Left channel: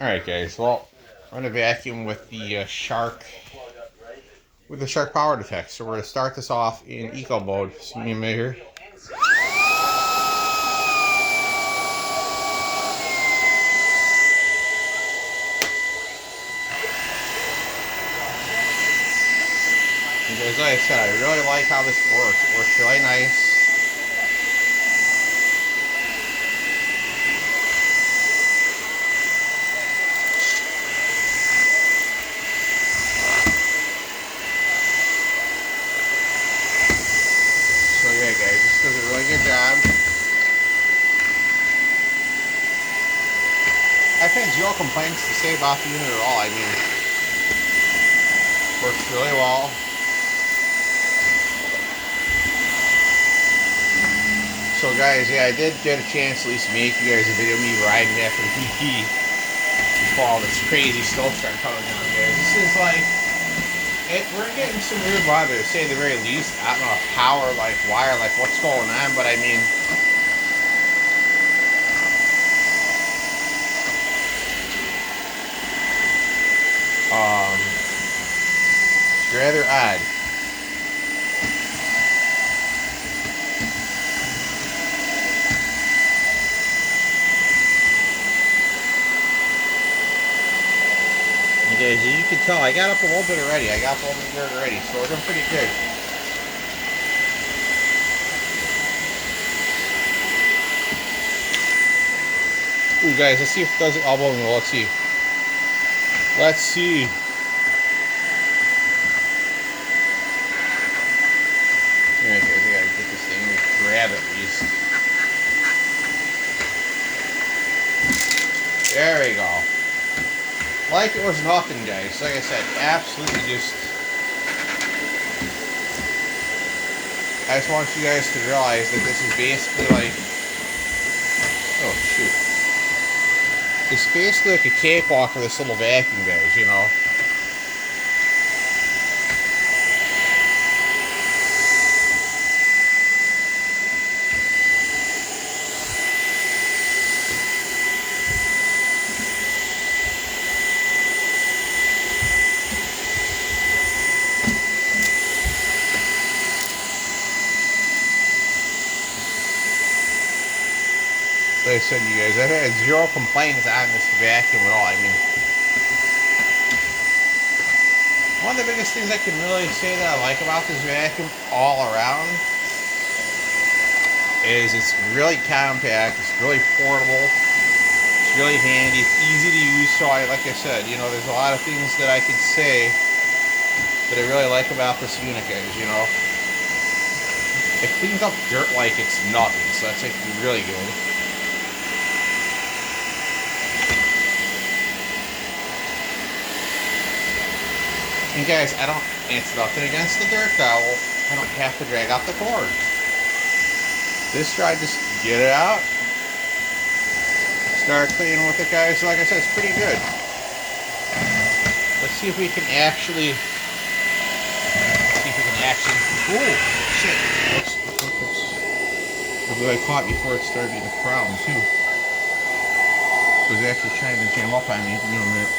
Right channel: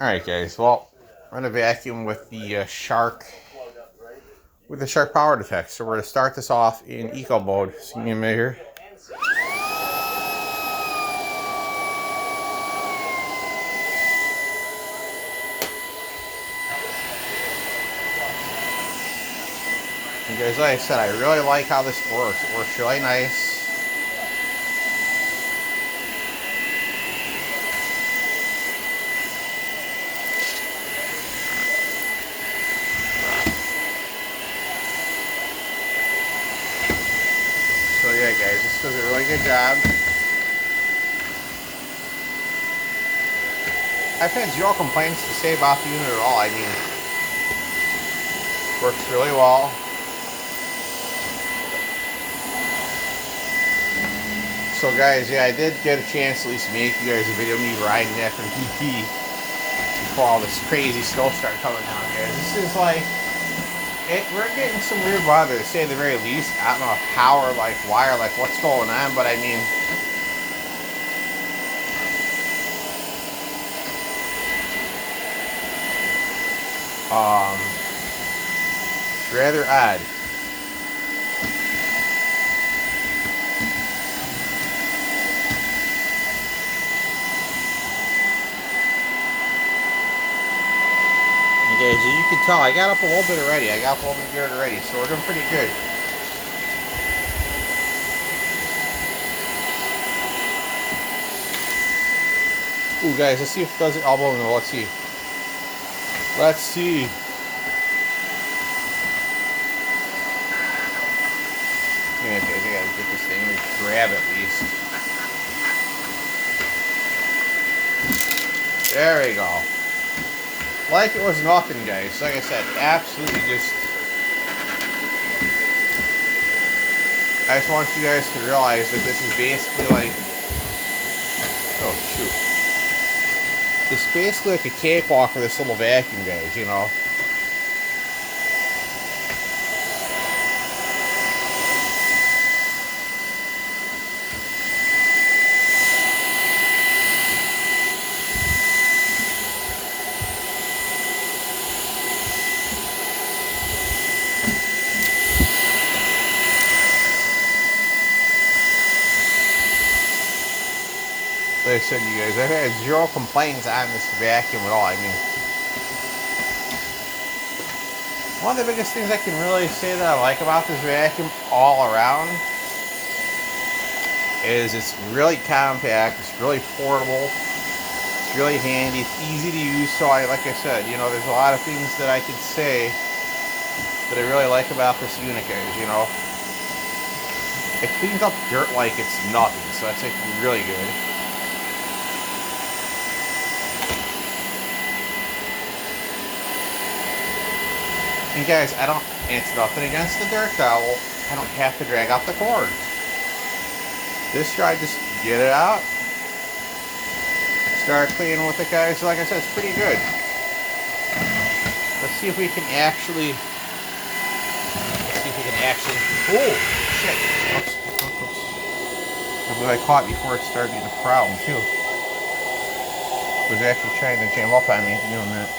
Alright guys, well, I'm going to vacuum with the Shark Power Detect. So we're going to start this off in eco mode. So give me a minute here. And guys, like I said, I really like how this works. It works really nice. So yeah guys, this does a really good job. I've had zero complaints to say about the unit at all. I mean, works really well. So guys, yeah, I did get a chance to at least make you guys a video of me riding after BP before all this crazy snow started coming down, guys. This is like, we're getting some weird weather, to say the very least. I don't know how or like why or like what's going on, but I mean, it's rather odd. And guys, as you can tell, I got up a little bit already. I got up a little bit dirt already, so we're doing pretty good. Ooh, guys, let's see if it does it elbow roll. Let's see. Let's see. Yeah, guys, I gotta get this thing to grab at least. There we go. Like it was nothing, guys. Like I said, absolutely just... I just want you guys to realize that this is basically like... Oh, shoot. It's basically like a cakewalk for this little vacuum, guys, you know? Like I said, you guys, I've had zero complaints on this vacuum at all. I mean, one of the biggest things I can really say that I like about this vacuum all around is it's really compact, it's really portable, it's really handy, it's easy to use. So like I said, you know, there's a lot of things that I could say that I really like about this unit, guys, you know. It cleans up dirt like it's nothing, so that's like really good. And guys, it's nothing against the dirt towel. I don't have to drag out the cord. This try, just get it out. Start cleaning with it, guys. Like I said, it's pretty good. Let's see if we can actually... Oh, shit. I caught before it started being a problem, too. It was actually trying to jam up on me. Give me a minute.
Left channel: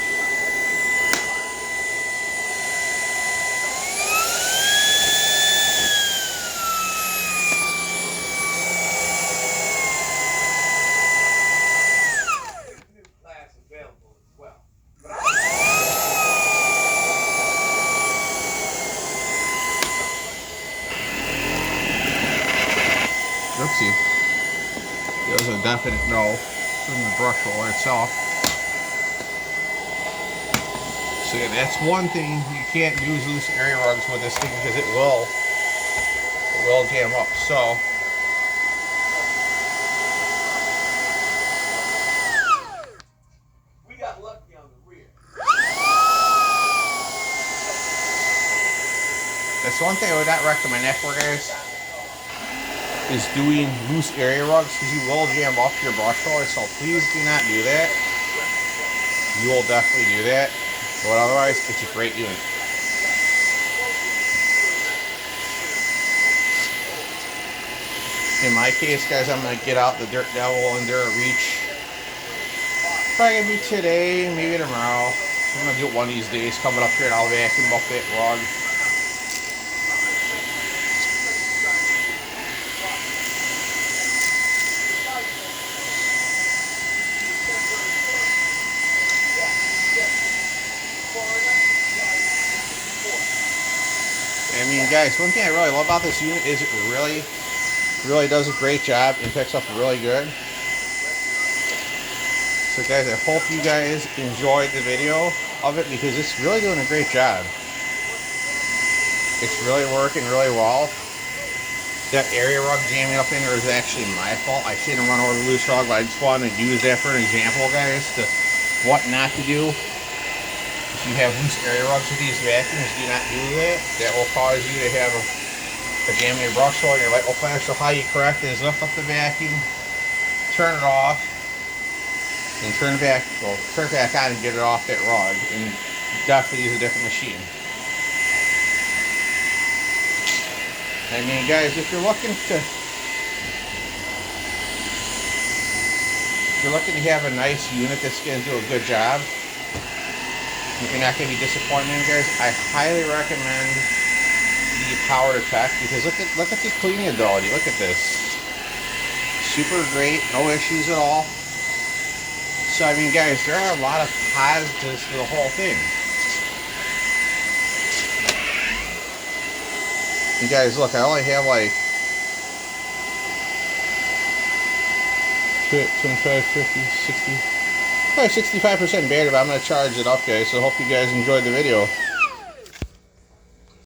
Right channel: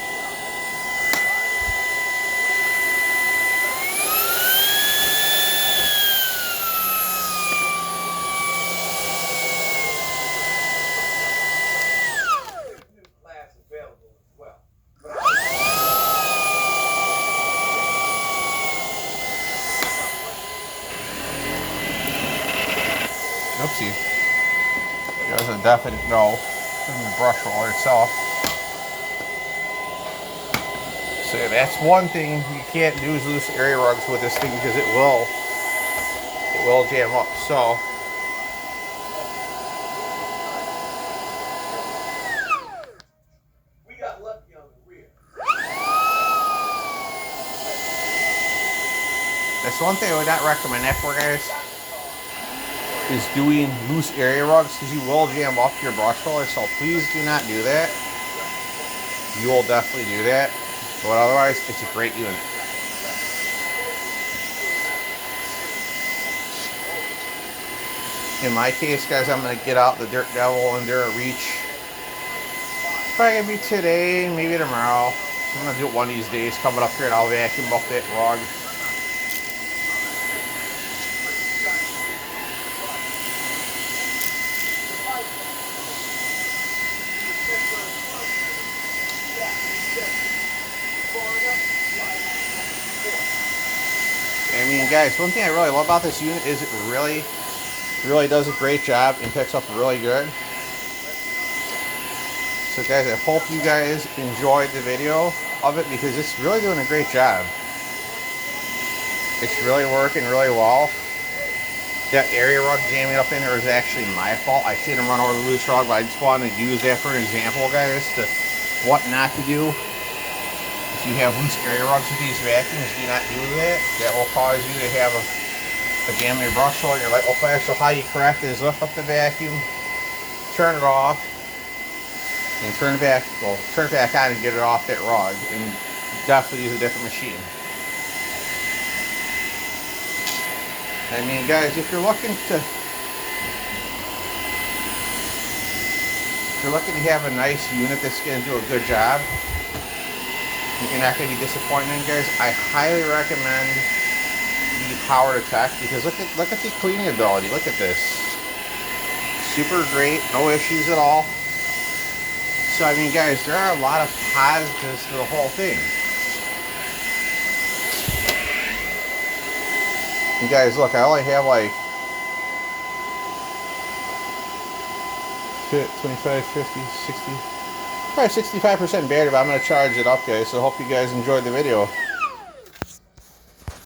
Oopsie. It was a definite no from the brush roller itself. So yeah, that's one thing you can't use loose area rugs with this thing because it will jam up. So we got lucky on the rear. That's one thing I would not recommend for, guys, is doing loose area rugs because you will jam up your brush roller. So please do not do that. You will definitely do that. But otherwise, it's a great unit. In my case, guys, I'm going to get out the Dirt Devil Enduro Reach probably gonna be today, maybe tomorrow. I'm gonna do it one of these days coming up here and I'll vacuum up that rug. I mean, guys, one thing I really love about this unit is it really does a great job and picks up really good. So guys, I hope you guys enjoyed the video of it because it's really doing a great job. It's really working really well. That area rug jamming up in there is actually my fault. I shouldn't run over the loose rug, but I just wanted to use that for an example, guys, to what not to do. If you have loose area rugs with these vacuums, do not do that. That will cause you to have a jam in your brush hole and your light will flash. So how you correct it is lift up the vacuum, turn it off, and turn it back on and get it off that rug. And definitely use a different machine. I mean, guys, if you're looking to have a nice unit that's going to do a good job, you're not going to be disappointed in, guys, I highly recommend the Power Detect because look at the cleaning ability. Look at this, super great, no issues at all. So I mean, guys, there are a lot of positives to the whole thing. And guys, look, I only have like 25, 50, 60, probably 65% battery, but I'm going to charge it up, guys. So I hope you guys enjoyed the video.